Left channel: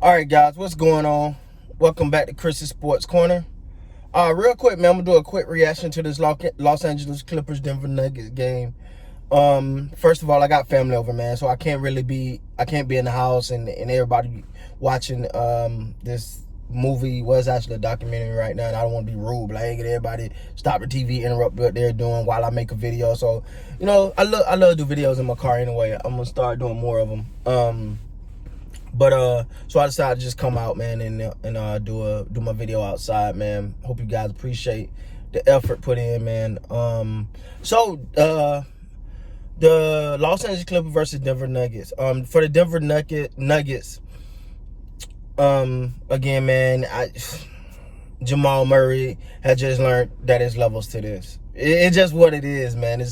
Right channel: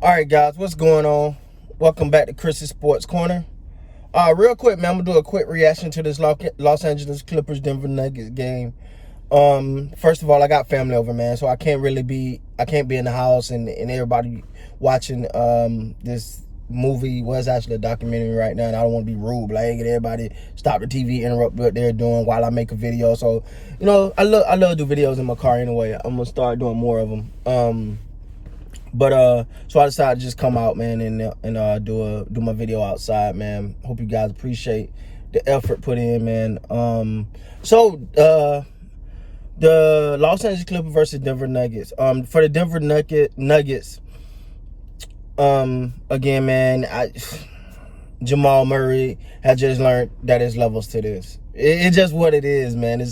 All right, guys, what's going on? Welcome back to Chris's Sports Corner. Real quick, man, I'm gonna do a quick reaction to this Los Angeles Clippers Denver Nuggets game. First of all, I got family over, man, so I can't be in the house and everybody watching this movie. Was actually a documentary right now, and I don't want to be rude, but I ain't get everybody stop the TV, interrupt what they're doing while I make a video. So, I love to do videos in my car anyway. I'm gonna start doing more of them. So I decided to just come out, man, and do my video outside, man. Hope you guys appreciate the effort put in, man. The Los Angeles Clippers versus Denver Nuggets. For the Denver Nuggets, again, man, Jamal Murray had just learned that there's levels to this. It's just what it is, man.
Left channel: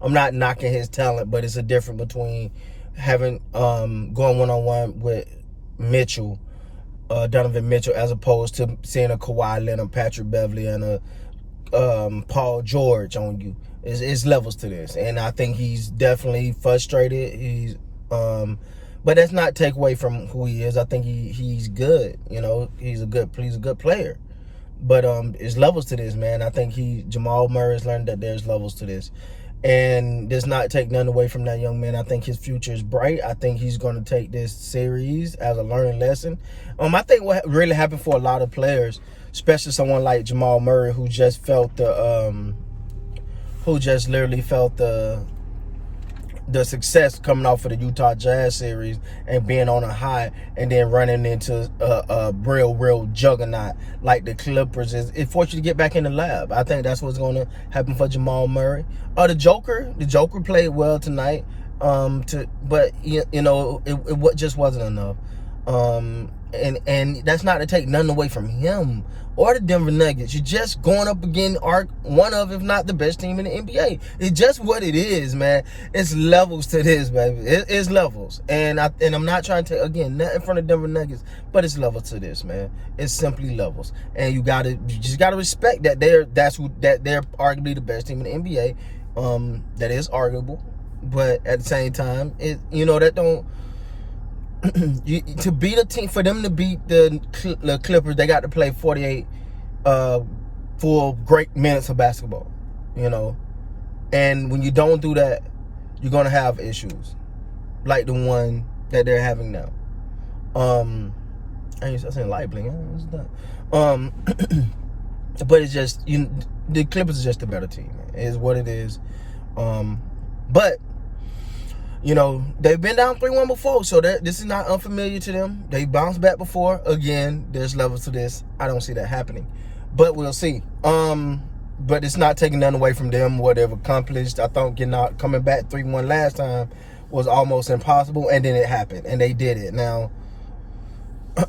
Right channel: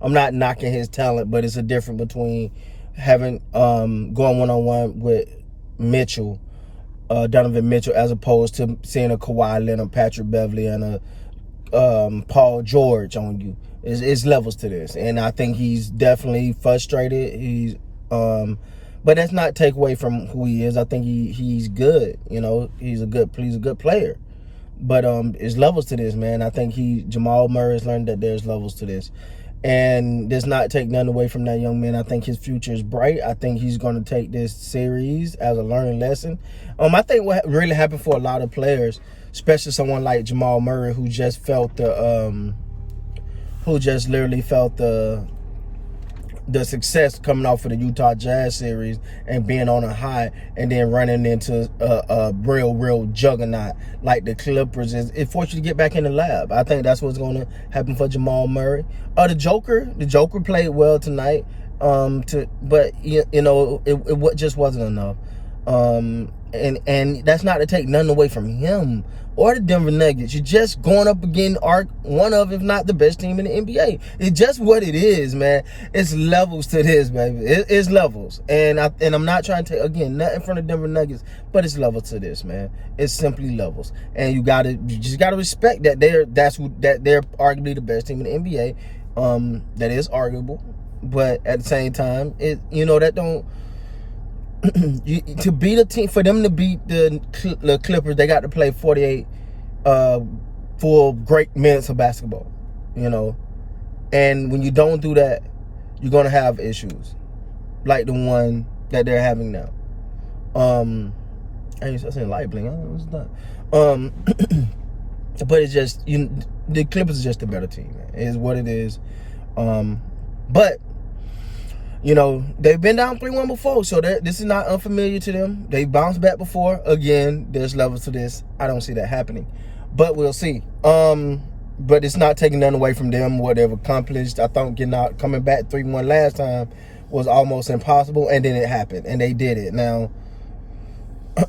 I'm not knocking his talent, but it's a difference between having going one-on-one with Mitchell, Donovan Mitchell, as opposed to seeing a Kawhi Leonard, Patrick Beverley, and a Paul George on you. It's levels to this, and I think he's definitely frustrated. But that's not take away from who he is. I think he's good. He's a good player. But there's levels to this, man. I think Jamal Murray has learned that there's levels to this. And does not take none away from that young man. I think his future is bright. I think he's going to take this series as a learning lesson. I think what really happened for a lot of players, especially someone like Jamal Murray, who just literally felt the success coming off of the Utah Jazz series and being on a high, and then running into a real juggernaut like the Clippers, it forced you to get back in the lab. I think that's what's going to happen for Jamal Murray. The Joker played well tonight, but it just wasn't enough. And that's not to take nothing away from him or the Denver Nuggets. You're just going up against one of, if not the best team in the NBA. It's just what it is, man. It's levels to this, baby. It's levels. And I'm not trying to, again, nothing from the Denver Nuggets, but it's levels to this, man. It's simply levels. And you just gotta respect that they're arguably the best team in the NBA. That is arguable. But at the same time, that don't to beat a team, for them to beat the Clippers, they got to play 48 full great minutes of basketball, and when you don't do that, you're gonna have issues like the one that they're having now. I seen light blink. I don't know what's that. But it's just the Clippers are just a better team, man. It is what it is. But they've been down 3-1 before, so this is not unfamiliar to them. They bounced back before. Again, there's levels to this. I don't see that happening, but we'll see. But it's not taking nothing away from them, what they've accomplished. I thought coming back 3-1 last time was almost impossible, and then it happened, and they did it. Now,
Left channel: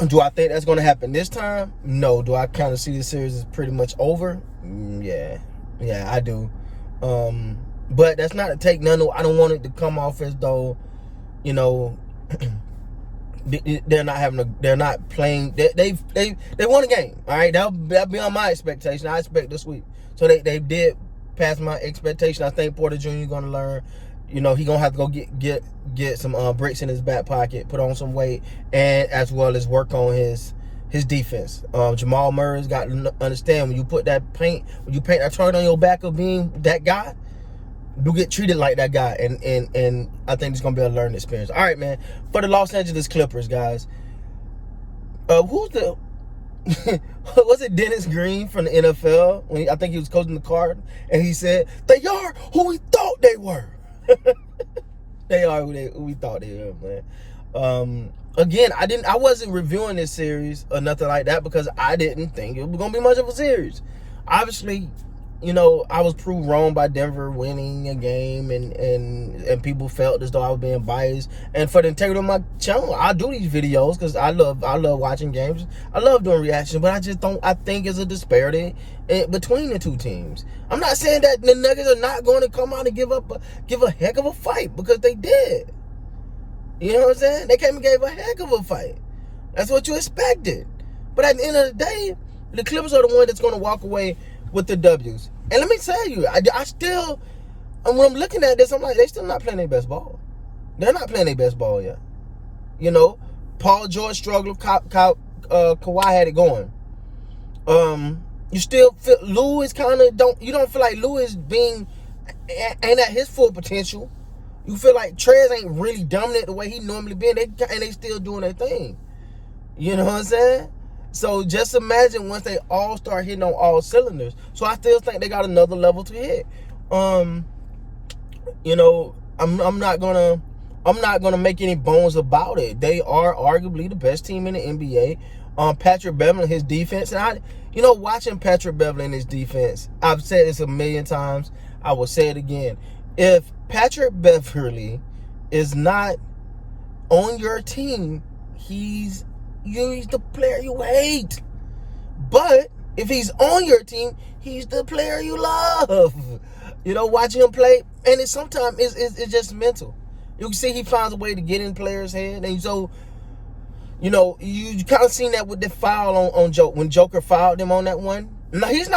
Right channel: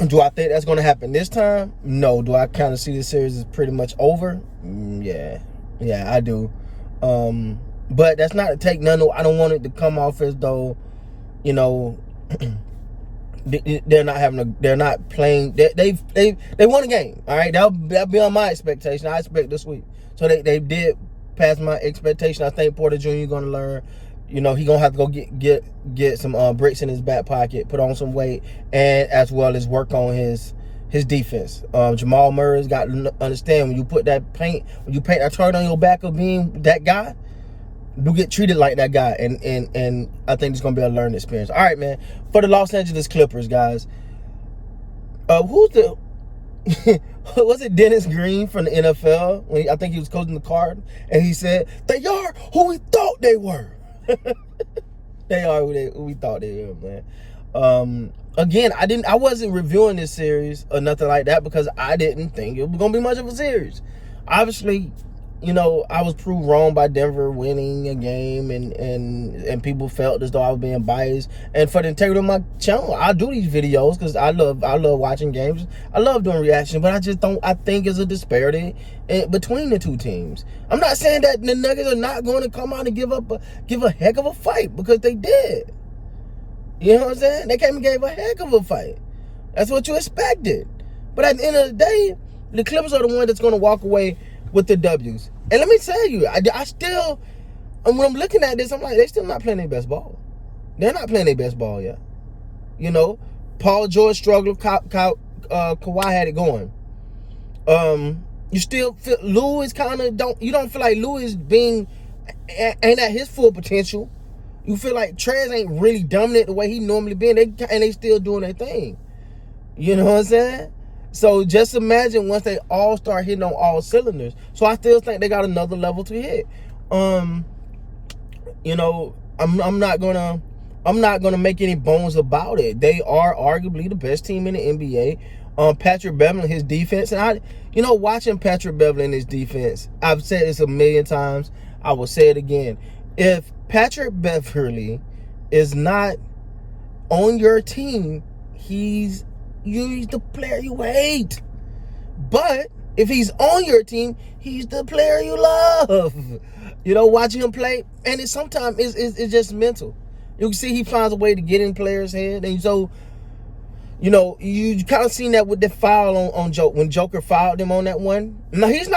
do I think that's going to happen this time? No. Do I kind of see this series is pretty much over? Yeah, I do. But that's not to take none. I don't want it to come off as though, they're not playing. They won a game. All right, that'll be on my expectation. I expect this week. So they did pass my expectation. I think Porter Jr. going to learn. He gonna have to go get some bricks in his back pocket, put on some weight, and as well as work on his defense. Jamal Murray's got to understand, when you paint that target on your back of being that guy, you get treated like that guy, and I think it's gonna be a learning experience. All right, man. For the Los Angeles Clippers, guys, who's the was it Dennis Green from the NFL? I think he was coaching the Card, and he said they are who we thought they were. They are who we thought they were, man. Again, I wasn't reviewing this series or nothing like that because I didn't think it was gonna be much of a series. Obviously, I was proved wrong by Denver winning a game, and people felt as though I was being biased. And for the integrity of my channel, I do these videos because I love watching games. I love doing reactions, but I think it's a disparity between the two teams. I'm not saying that the Nuggets are not going to come out and give a heck of a fight, because they did. You know what I'm saying? They came and gave a heck of a fight. That's what you expected. But at the end of the day, the Clippers are the one that's going to walk away with the W's. And let me tell you, I still, when I'm looking at this, I'm like, they still not playing their best ball. They're not playing their best ball yet. Paul George struggled. Kawhi had it going. You still feel Lou is kind of you don't feel like Lou is ain't at his full potential. You feel like Trez ain't really dominant the way he normally been. They still doing their thing. You know what I'm saying? So just imagine once they all start hitting on all cylinders. So I still think they got another level to hit. You know, I'm not gonna make any bones about it. They are arguably the best team in the NBA. Patrick Beverley, his defense, and watching Patrick Beverley in his defense, I've said this a million times. I will say it again. If Patrick Beverley is not on your team, he's the player you hate. But if he's on your team, he's the player you love. Watching him play, and sometimes it's just mental. You can see he finds a way to get in players' head, and so you kind of seen that with the foul on Joker when Joker fouled him on that one. Now he's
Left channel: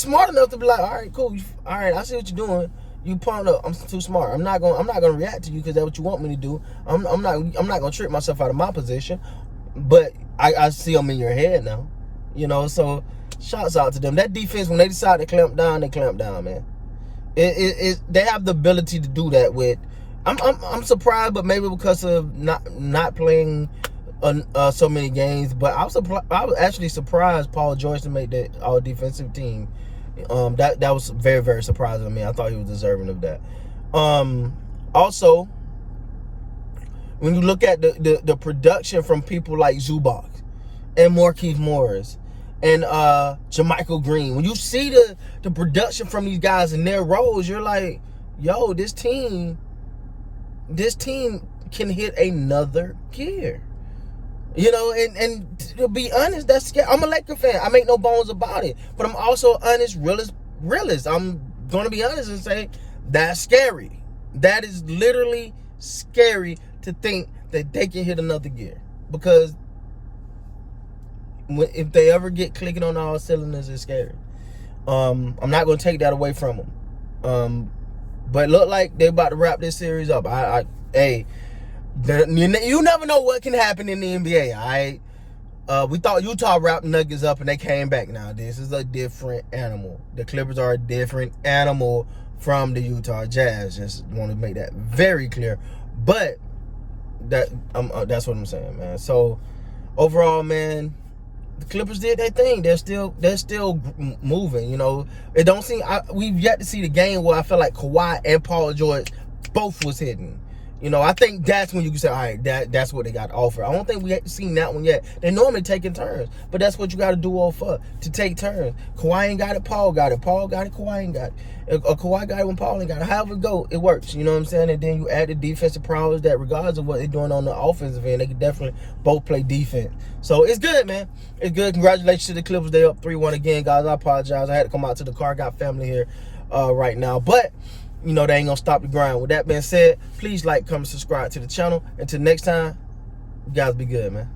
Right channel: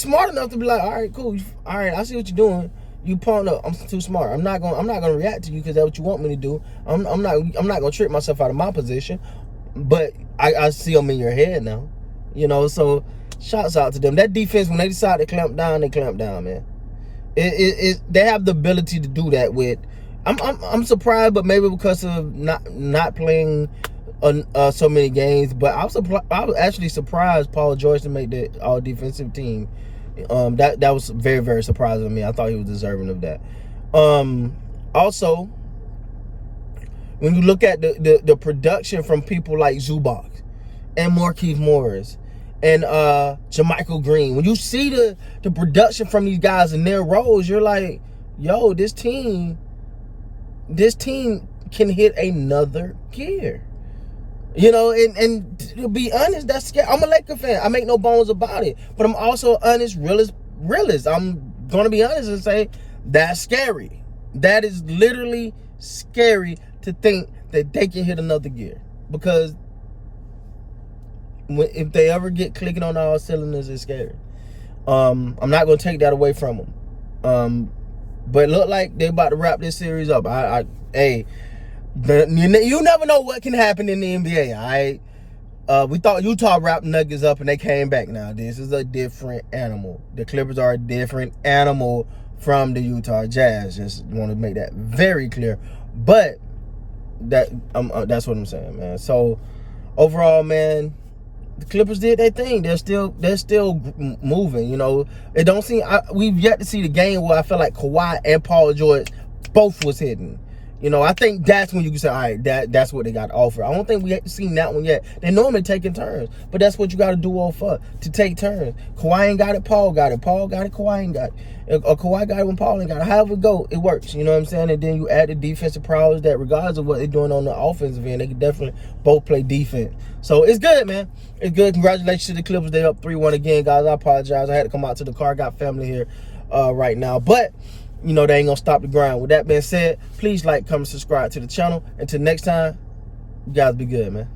smart enough to be like, all right, cool, all right, I see what you're doing. You pumped up. I'm too smart. I'm not gonna react to you because that's what you want me to do. I'm not gonna trick myself out of my position. But I see them in your head now, So shouts out to them. That defense, when they decide to clamp down, they clamp down, man. They have the ability to do that with. I'm surprised, but maybe because of not playing so many games. But I was actually surprised Paul George to make the all defensive team. That was very, very surprising to me. I thought he was deserving of that. Also, when you look at the production from people like Zubac and Markieff Morris and JaMychal Green, when you see the production from these guys in their roles, you're like, yo, this team can hit another gear. And to be honest, that's scary. I'm a Laker fan. I make no bones about it. But I'm also honest, realist. I'm going to be honest and say that's scary. That is literally scary to think that they can hit another gear. Because if they ever get clicking on all cylinders, it's scary. I'm not going to take that away from them. But it look like they're about to wrap this series up. You never know what can happen in the NBA, all right? We thought Utah wrapped Nuggets up and they came back. Now, this is a different animal. The Clippers are a different animal from the Utah Jazz. Just want to make that very clear. But that's what I'm saying, man. So, overall, man, the Clippers did their thing. They're still moving, It don't seem we've yet to see the game where I feel like Kawhi and Paul George both was hitting. I think that's when you can say, all right, that's what they got to offer. I don't think we have seen that one yet. They normally taking turns, but that's what you got to do to take turns. Kawhi ain't got it, Paul got it. Paul got it, Kawhi ain't got it. Or Kawhi got it when Paul ain't got it. However it go, it works. You know what I'm saying? And then you add the defensive prowess that regardless of what they're doing on the offensive end, they can definitely both play defense. So it's good, man. It's good. Congratulations to the Clippers. They up 3-1 again, guys. I apologize. I had to come out to the car. Got family here right now. But they ain't gonna stop the grind. With that being said, please like, comment, subscribe to the channel. Until next time, you guys be good, man.